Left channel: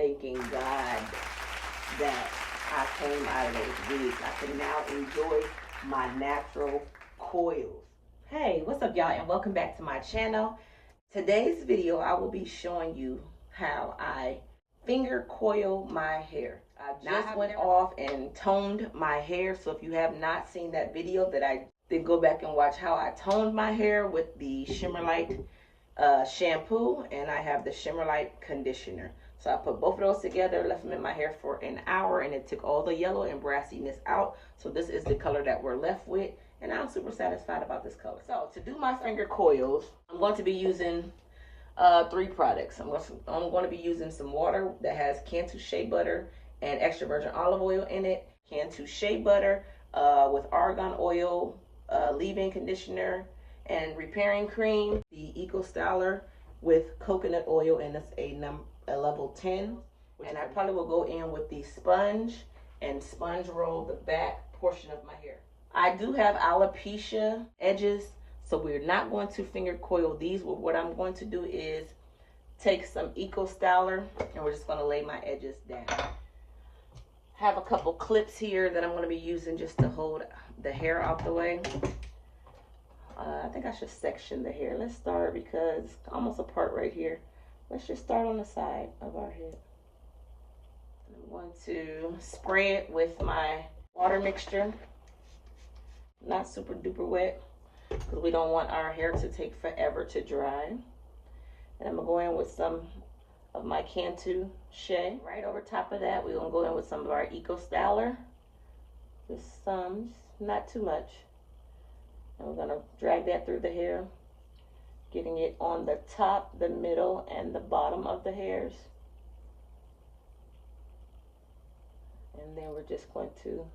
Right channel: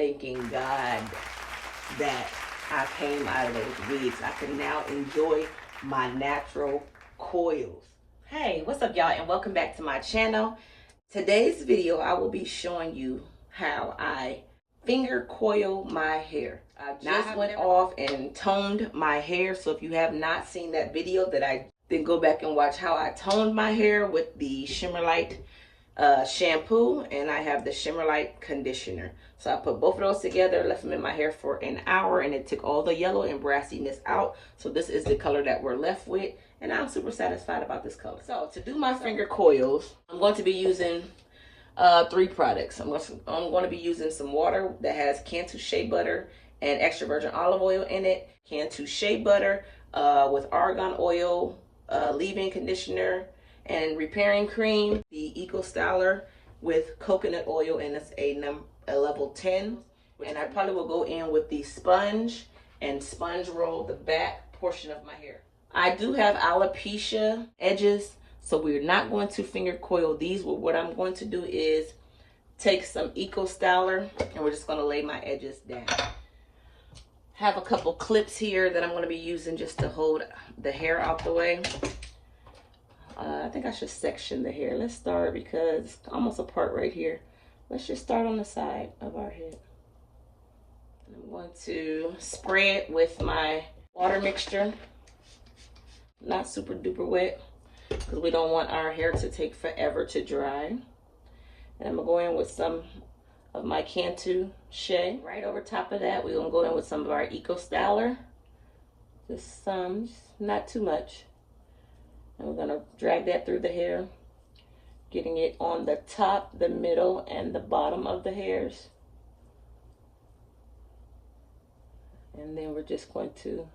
thanking God that I came out of those wigs. I can now enjoy my natural coils. Hey, what's up, y'all, and welcome back to my channel. Today's video, I will be showing you how I finger coil my hair. I just went off and toned my hair, so if you have not seen that video, then go back and watch how I toned my hair with the Shimmer Light shampoo, and I have the Shimmer Light conditioner. So I put both of those together, left them in my hair for an hour, and it took all the yellow and brassiness out. So this is the color that we're left with, and I'm super satisfied about this color. So to do my finger coils, I'm going to be using 3 products. I'm going to be using some water that has Cantu shea butter and extra virgin olive oil in it, Cantu shea butter with argan oil, leave-in conditioner, and repairing cream, the Eco Styler with coconut oil, and it's a level 10. And I probably will go in with the sponge and sponge roll the back portion of my hair. I do have alopecia edges, so we're not going to finger coil these. But what I'm going to do is take some Eco Styler, and we're just going to lay my edges down. Have a couple clips here that I'm going to be using just to hold the hair out the way. I think I should section the hair. Let's start, because it's almost a part right here. Let's just start on the side of our head. I'm going to spray it with my water mixture. Not super duper wet, because we don't want our hair to take forever to dry. And I'm going to go in with some of my Cantu shea. Right over top of that, we're going to go in with some of our Eco Styler. Just some, not too much. And we're going to drag that through the hair, getting it on the top, the middle, and the bottom of the hairs. And then we're just going to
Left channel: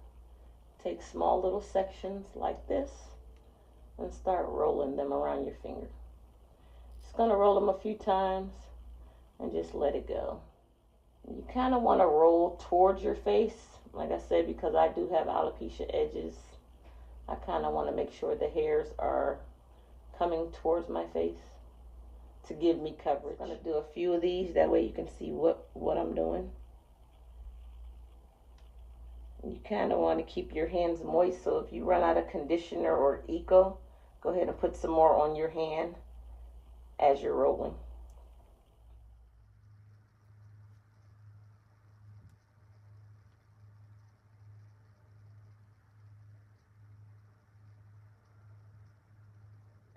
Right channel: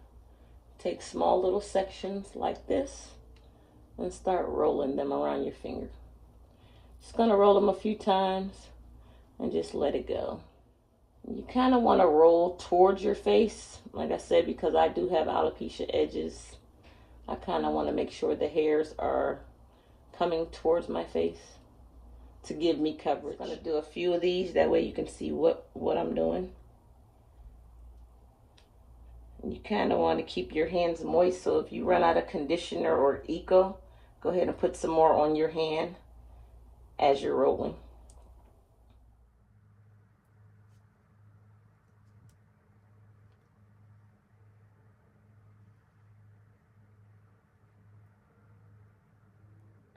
take small little sections like this and start rolling them around your finger. Just going to roll them a few times and just let it go. You kind of want to roll towards your face, like I said, because I do have alopecia edges. I kind of want to make sure the hairs are coming towards my face to give me coverage. I'm going to do a few of these, that way you can see what I'm doing. You kind of want to keep your hands moist, so if you run out of conditioner or Eco, go ahead and put some more on your hand as you're rolling.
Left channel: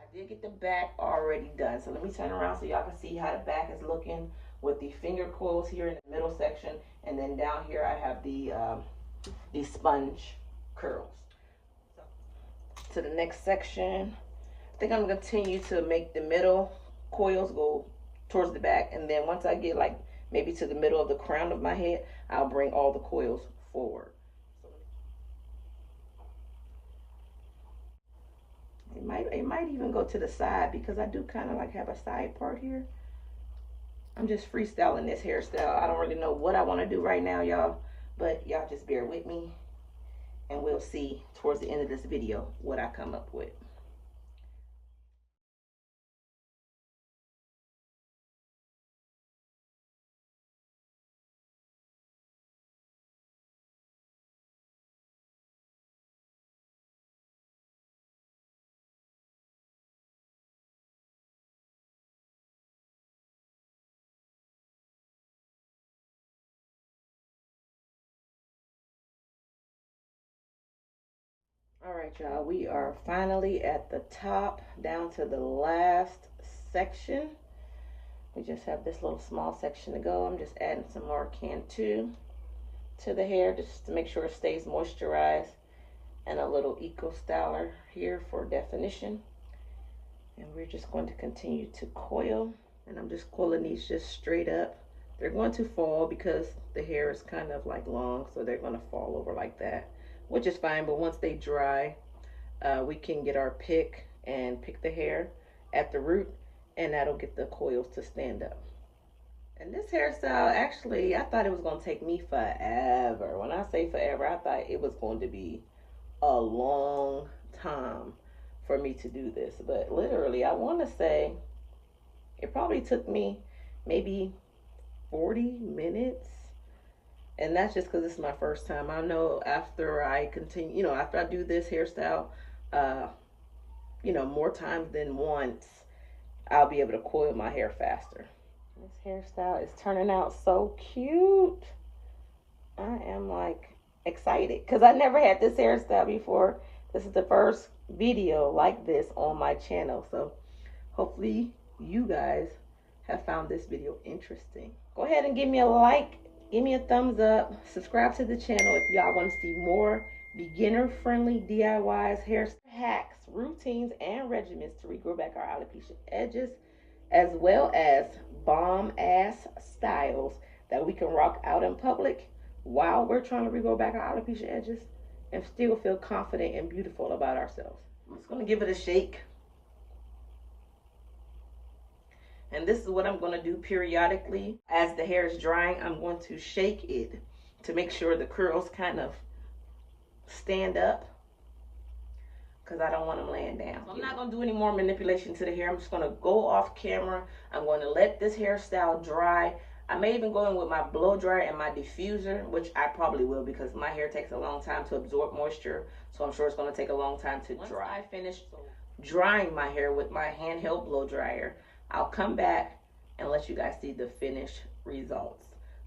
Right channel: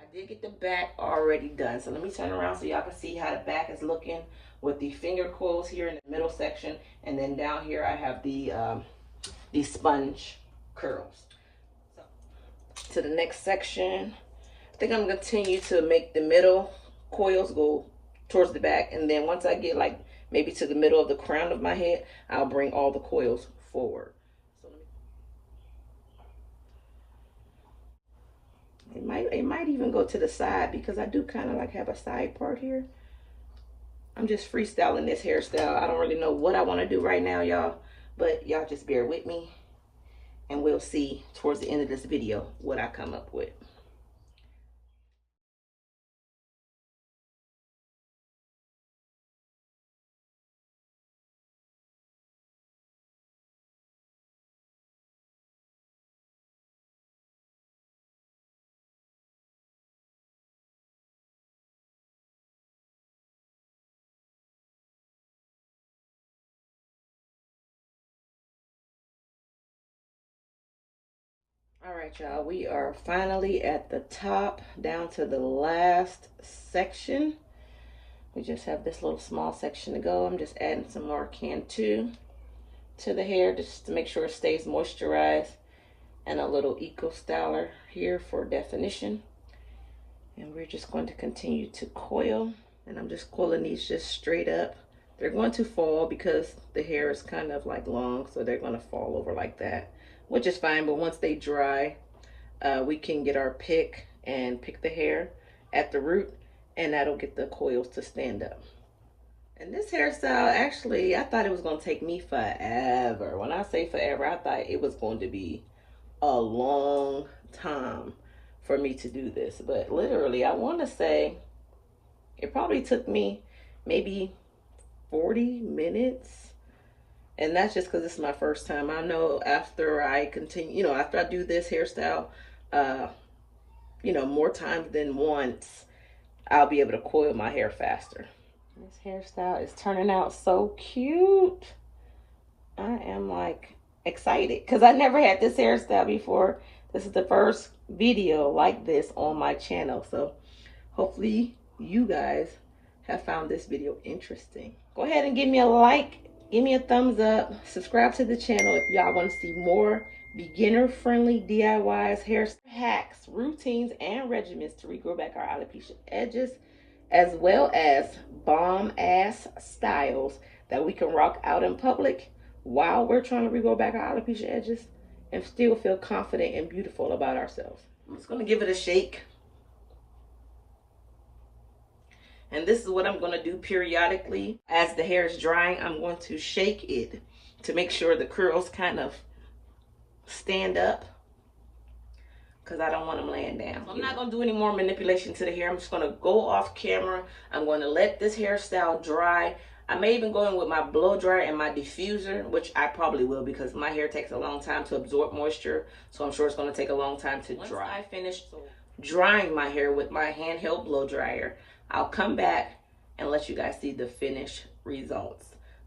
I did get the back already done, so let me turn around so y'all can see how the back is looking with the finger coils here in the middle section, and then down here I have the sponge curls. So, to the next section, I think I'm going to continue to make the middle coils go towards the back, and then once I get like maybe to the middle of the crown of my head, I'll bring all the coils forward. It might even go to the side, because I do kind of like have a side part here. I'm just freestyling this hairstyle. I don't really know what I want to do right now, y'all, but y'all just bear with me, and we'll see towards the end of this video what I come up with. All right, y'all, we are finally at the top, down to the last section. We just have this little small section to go. I'm just adding some more Cantu to the hair just to make sure it stays moisturized, and a little Eco Styler here for definition. And we're just going to continue to coil, and I'm just coiling these just straight up. They're going to fall because the hair is kind of like long, so they're going to fall over like that, which is fine. But once they dry, we can get our pick and pick the hair at the root, and that'll get the coils to stand up. And this hairstyle, actually, I thought it was going to take me forever. When I say forever, I thought it was going to be a long time for me to do this. But literally, I want to say it probably took me maybe 40 minutes. And that's just because it's my first time. I know after I continue, after I do this hairstyle, more times than once, I'll be able to coil my hair faster. This hairstyle is turning out so cute. I am like excited because I never had this hairstyle before. This is the first video like this on my channel. So hopefully you guys have found this video interesting. Go ahead and give me a like. Give me a thumbs up. Subscribe to the channel if y'all want to see more beginner-friendly DIYs, hair hacks, routines, and regimens to regrow back our alopecia edges, as well as bomb-ass styles that we can rock out in public while we're trying to regrow back our alopecia edges and still feel confident and beautiful about ourselves. I'm just going to give it a shake. And this is what I'm going to do periodically. As the hair is drying, I'm going to shake it to make sure the curls kind of stand up, because I don't want them laying down. So I'm not going to do any more manipulation to the hair. I'm just going to go off camera. I'm going to let this hairstyle dry. I may even go in with my blow dryer and my diffuser, which I probably will because my hair takes a long time to absorb moisture. So I'm sure it's going to take a long time to dry. Once I finish drying my hair with my handheld blow dryer, I'll come back and let you guys see the finished results.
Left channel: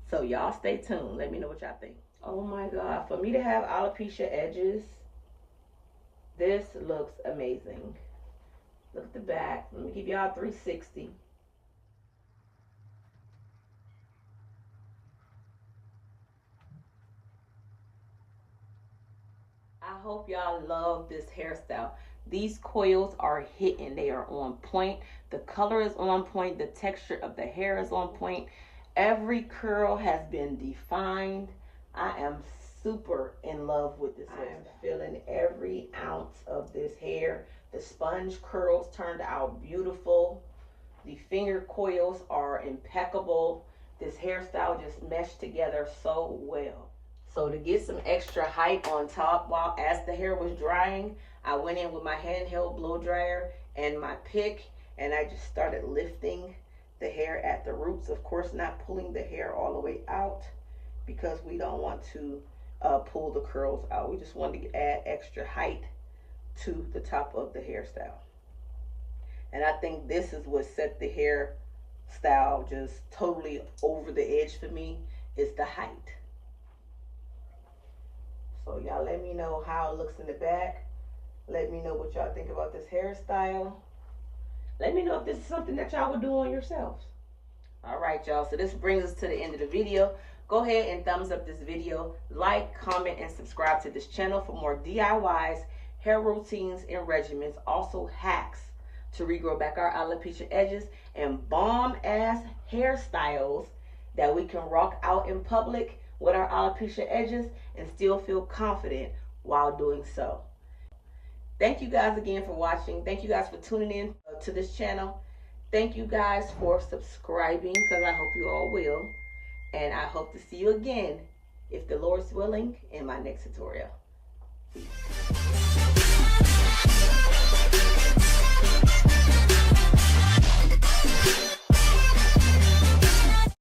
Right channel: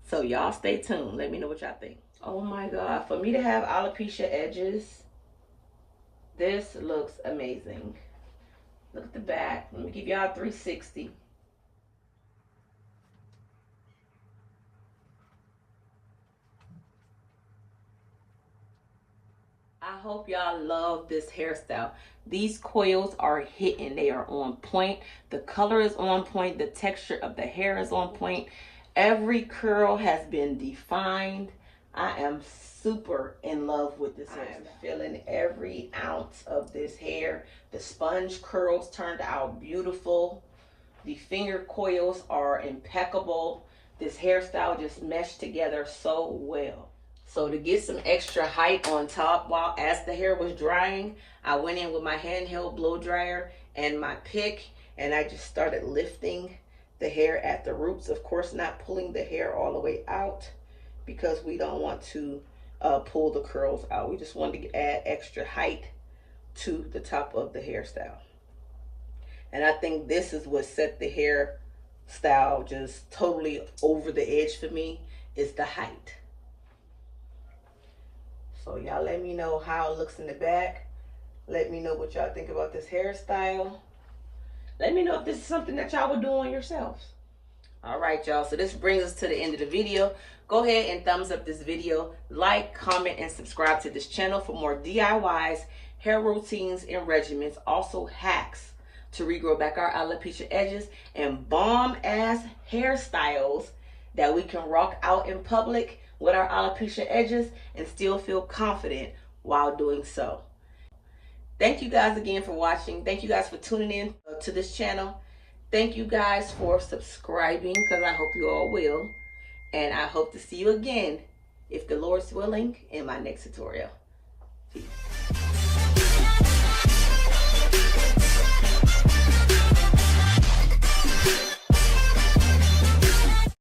So y'all stay tuned. Let me know what y'all think. Oh my God, for me to have alopecia edges, this looks amazing. Look at the back. Let me give y'all a 360. I hope y'all love this hairstyle. These coils are hitting. They are on point. The color is on point. The texture of the hair is on point. Every curl has been defined. I am super in love with this hair. I'm feeling every ounce of this hair. The sponge curls turned out beautiful. The finger coils are impeccable. This hairstyle just meshed together so well. So to get some extra height on top, as the hair was drying, I went in with my handheld blow dryer and my pick, and I just started lifting the hair at the roots. Of course, not pulling the hair all the way out because we don't want to pull the curls out. We just wanted to add extra height to the top of the hairstyle. And I think this is what set the hairstyle just totally over the edge for me, is the height. So y'all let me know how it looks in the back. Let me know what y'all think about this hairstyle. Let me know if this is something that y'all would do on yourselves. All right, y'all. So this brings us to the end of the video. Go ahead and thumbs up this video. Like, comment, and subscribe to this channel for more DIYs, hair routines, and regimens. Also hacks to regrow back our alopecia edges and bomb-ass hairstyles that we can rock out in public with our alopecia edges and still feel confident while doing so. Thank you guys again for watching. Thank you guys for tuning in to this channel. Thank you guys for subscribing, because I hope you all will. And I hope to see you again, if the Lord's willing, in my next tutorial.